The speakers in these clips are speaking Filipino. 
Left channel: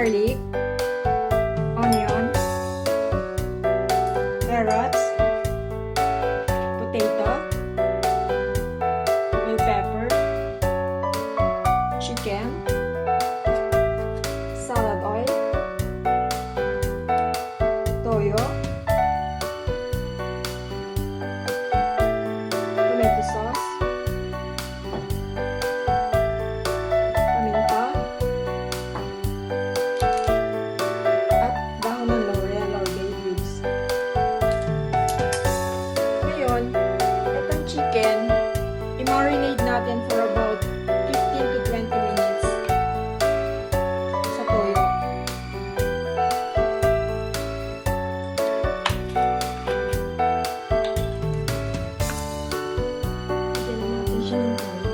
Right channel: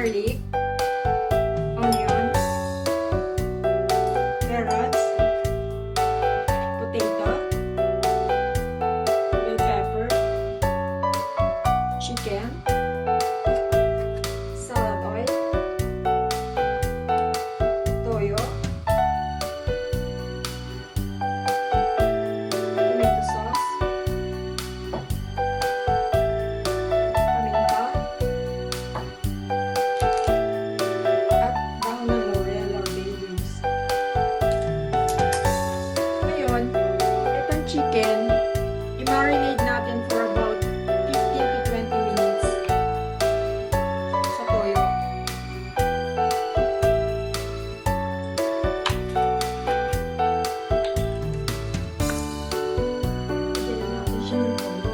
garlic, onion, carrots, potato, bell pepper, chicken, salad oil, toyo, tomato sauce, paminta, at dahon ng laurel or bay leaves. Ngayon, itong chicken, i-marinate natin for about 15 to 20 minutes sa toyo. Lagyan na natin siya ng toyo.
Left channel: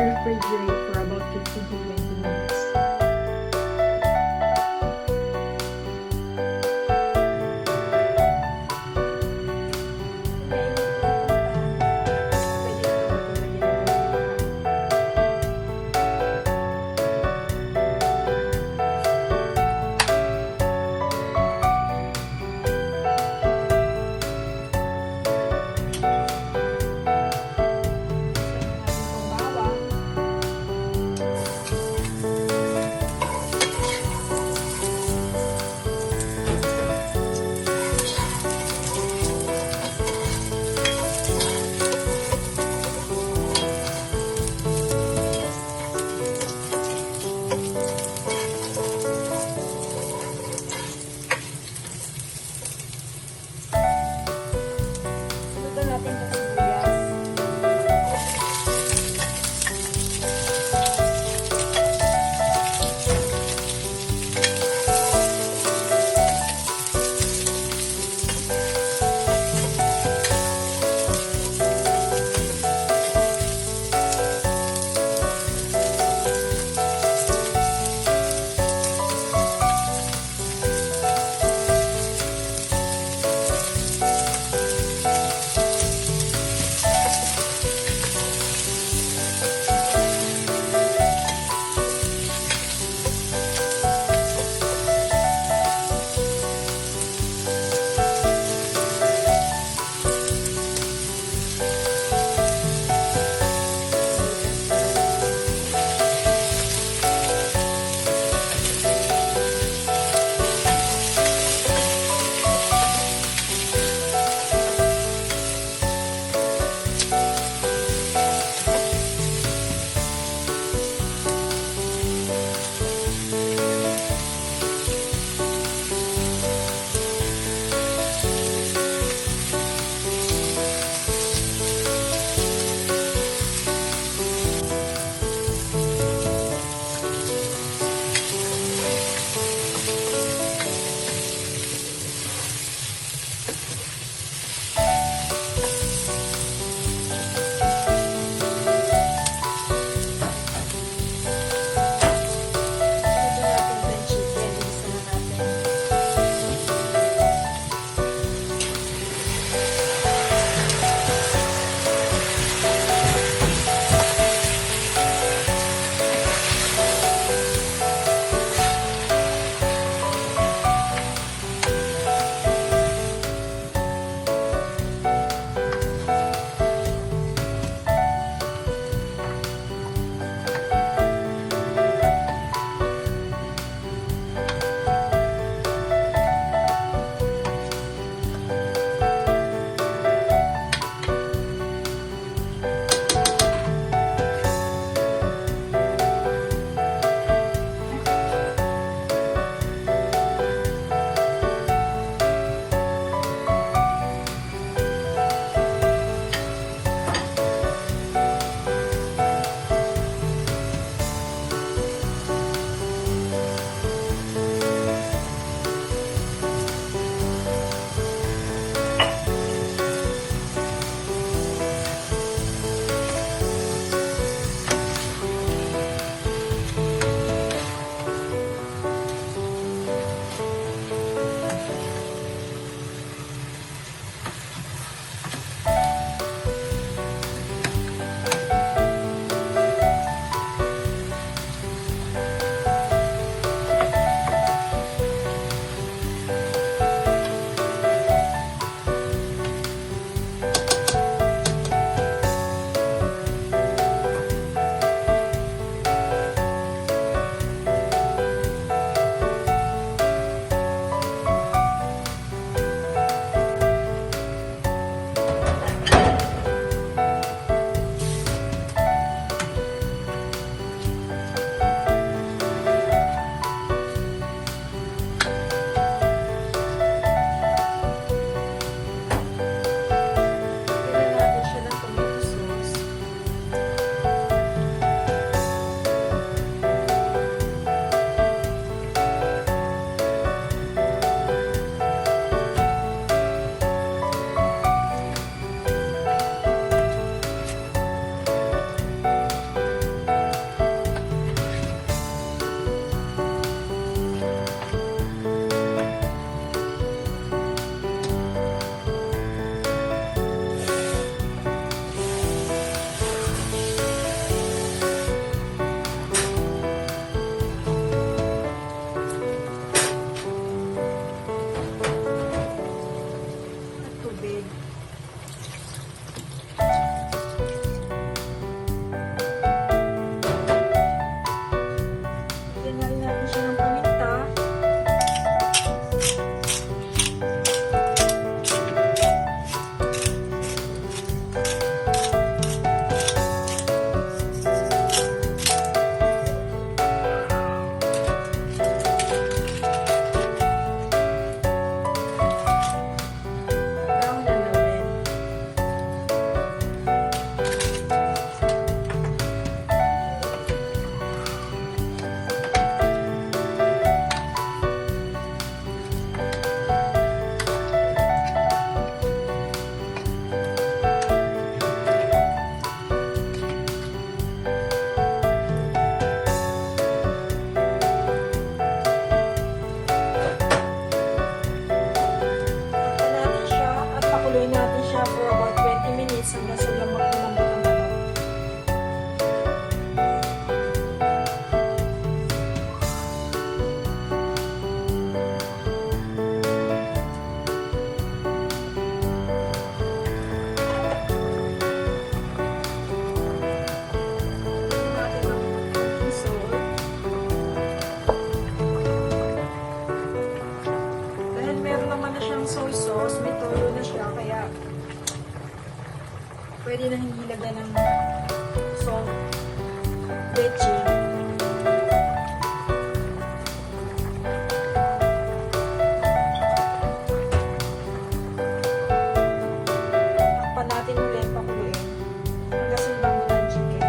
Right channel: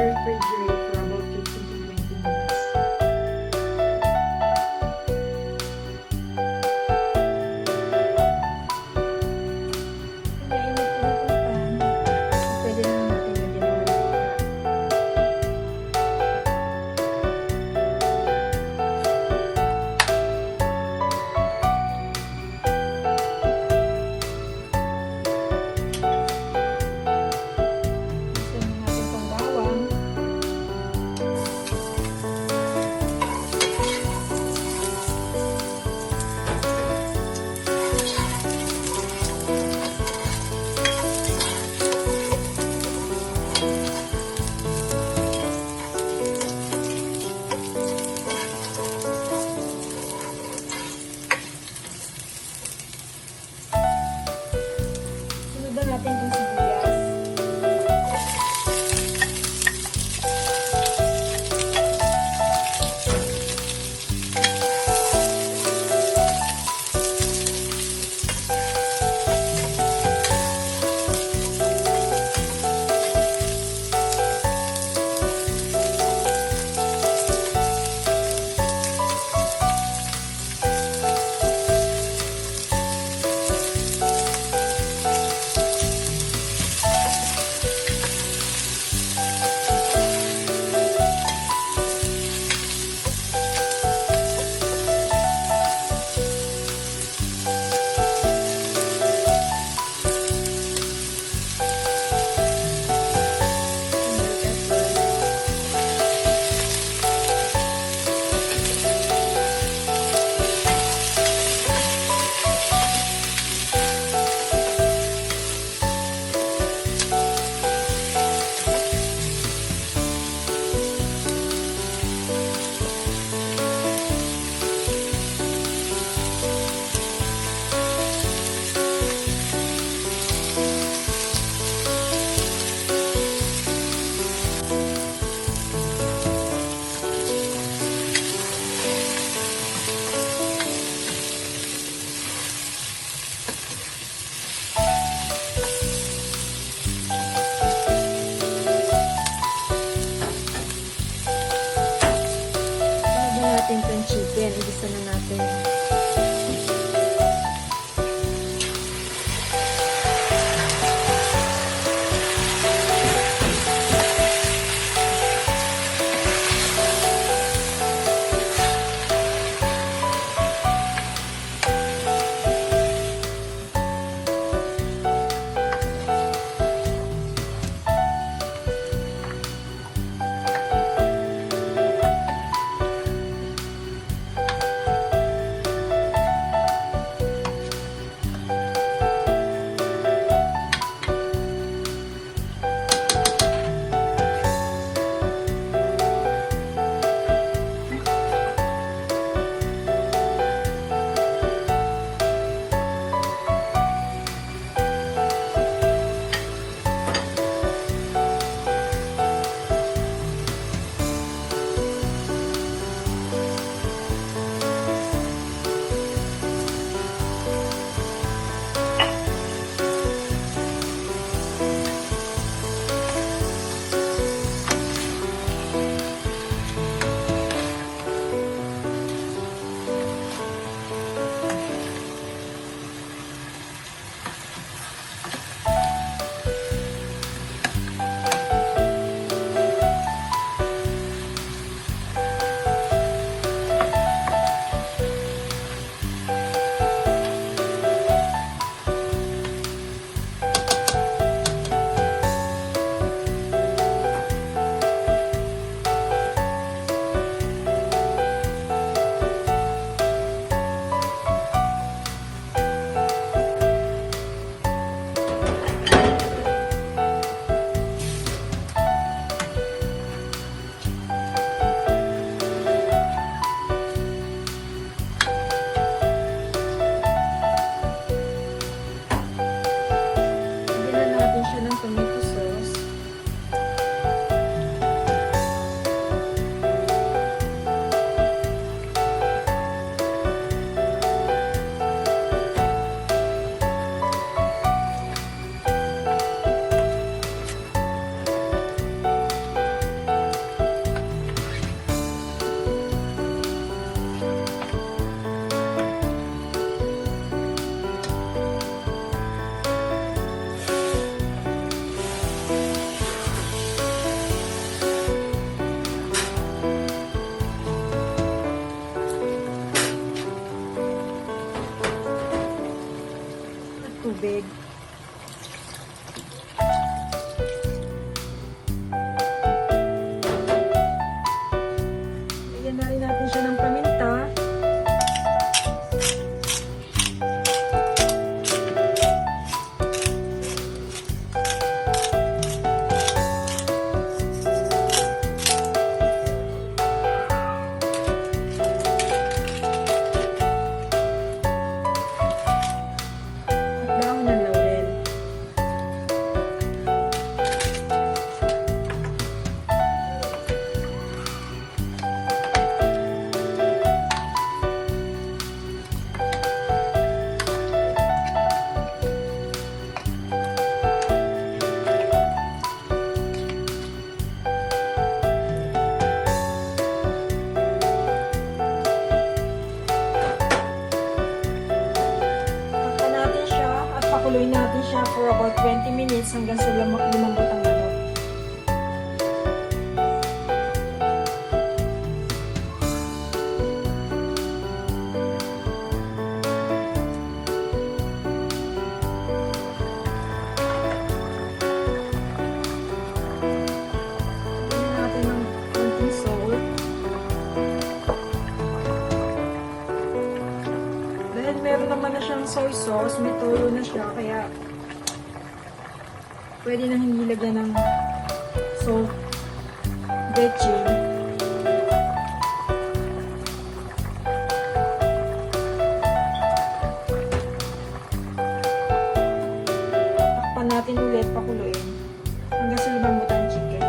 Refrigerate for about 15 to 20 minutes. Mainit na natin pa. Pwede na natin lagyan ng natin itong sibuyas. Natin itong chicken, igisa na natin. tubig. Lagyan na rin natin siya ng paminta. Dahon ng laurel. Takpan natin siya at pakuluin natin siya for about 20 minutes hanggang sa lumambot ang manok. Lagyan natin ng konting salt. Dahil meron naman na siyang soy sauce, may toyo na siya, kaya pwede na hindi lagyan ng leche. Takpan natin ulit, pakuluin hanggang sa lumambot ang chicken.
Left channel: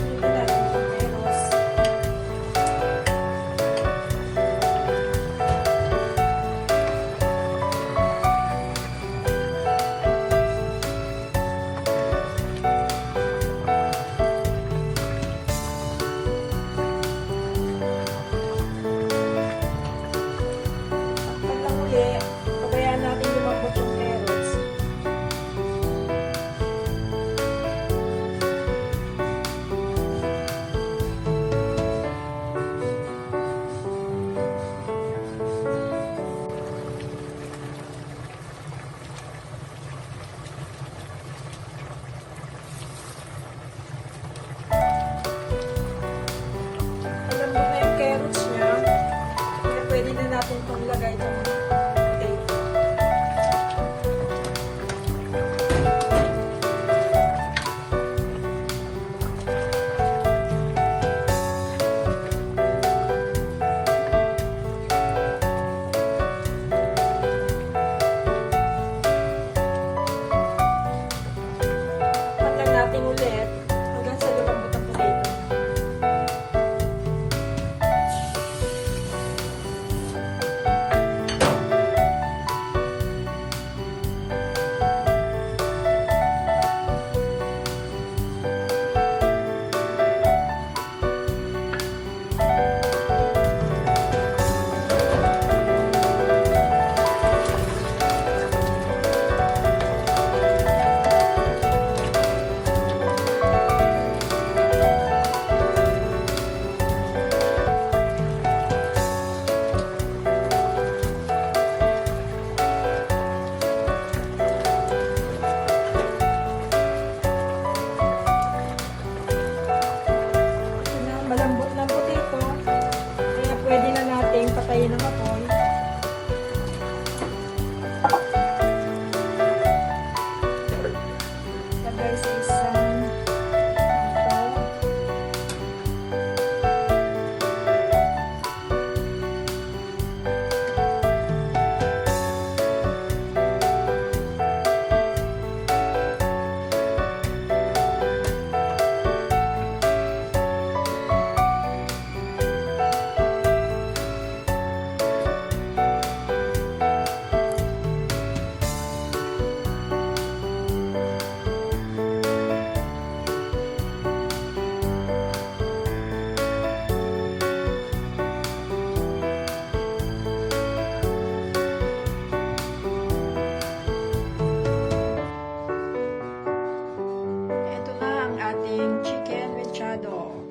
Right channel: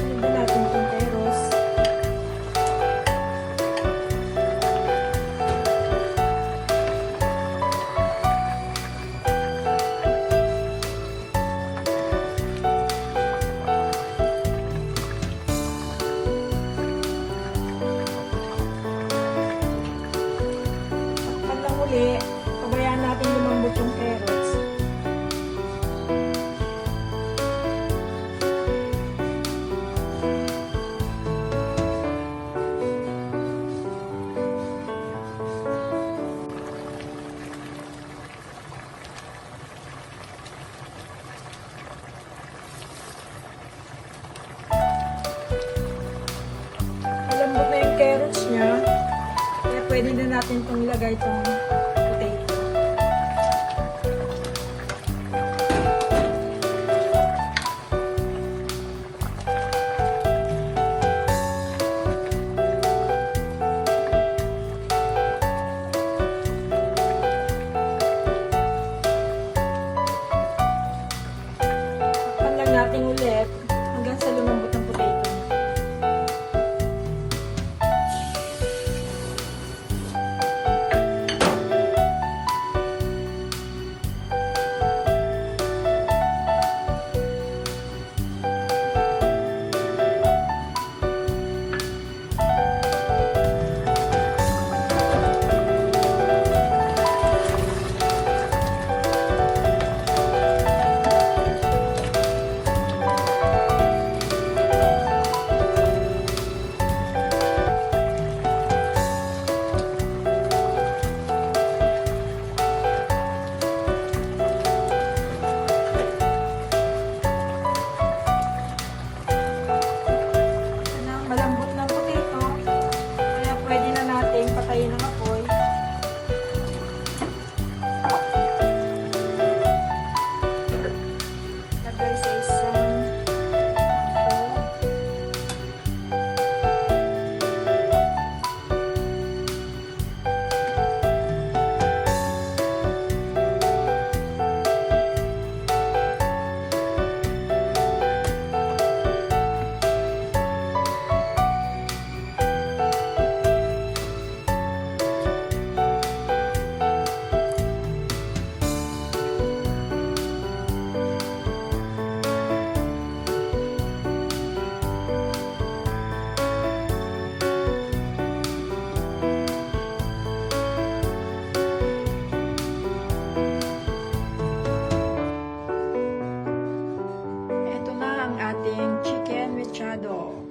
Sunod natin itong peros. Pag namuli, pabayaan natin lumambot yung carrots. Malambot na yung carrots niya, kaya pwede na natin itong lagay itong potato. Takpan lang natin ulit hanggang sa lumambot ang potato. Malambot ng potato, kaya pwede na nating patayin ang apoy. Lagay sa isang mangkok. ating chicken mechado.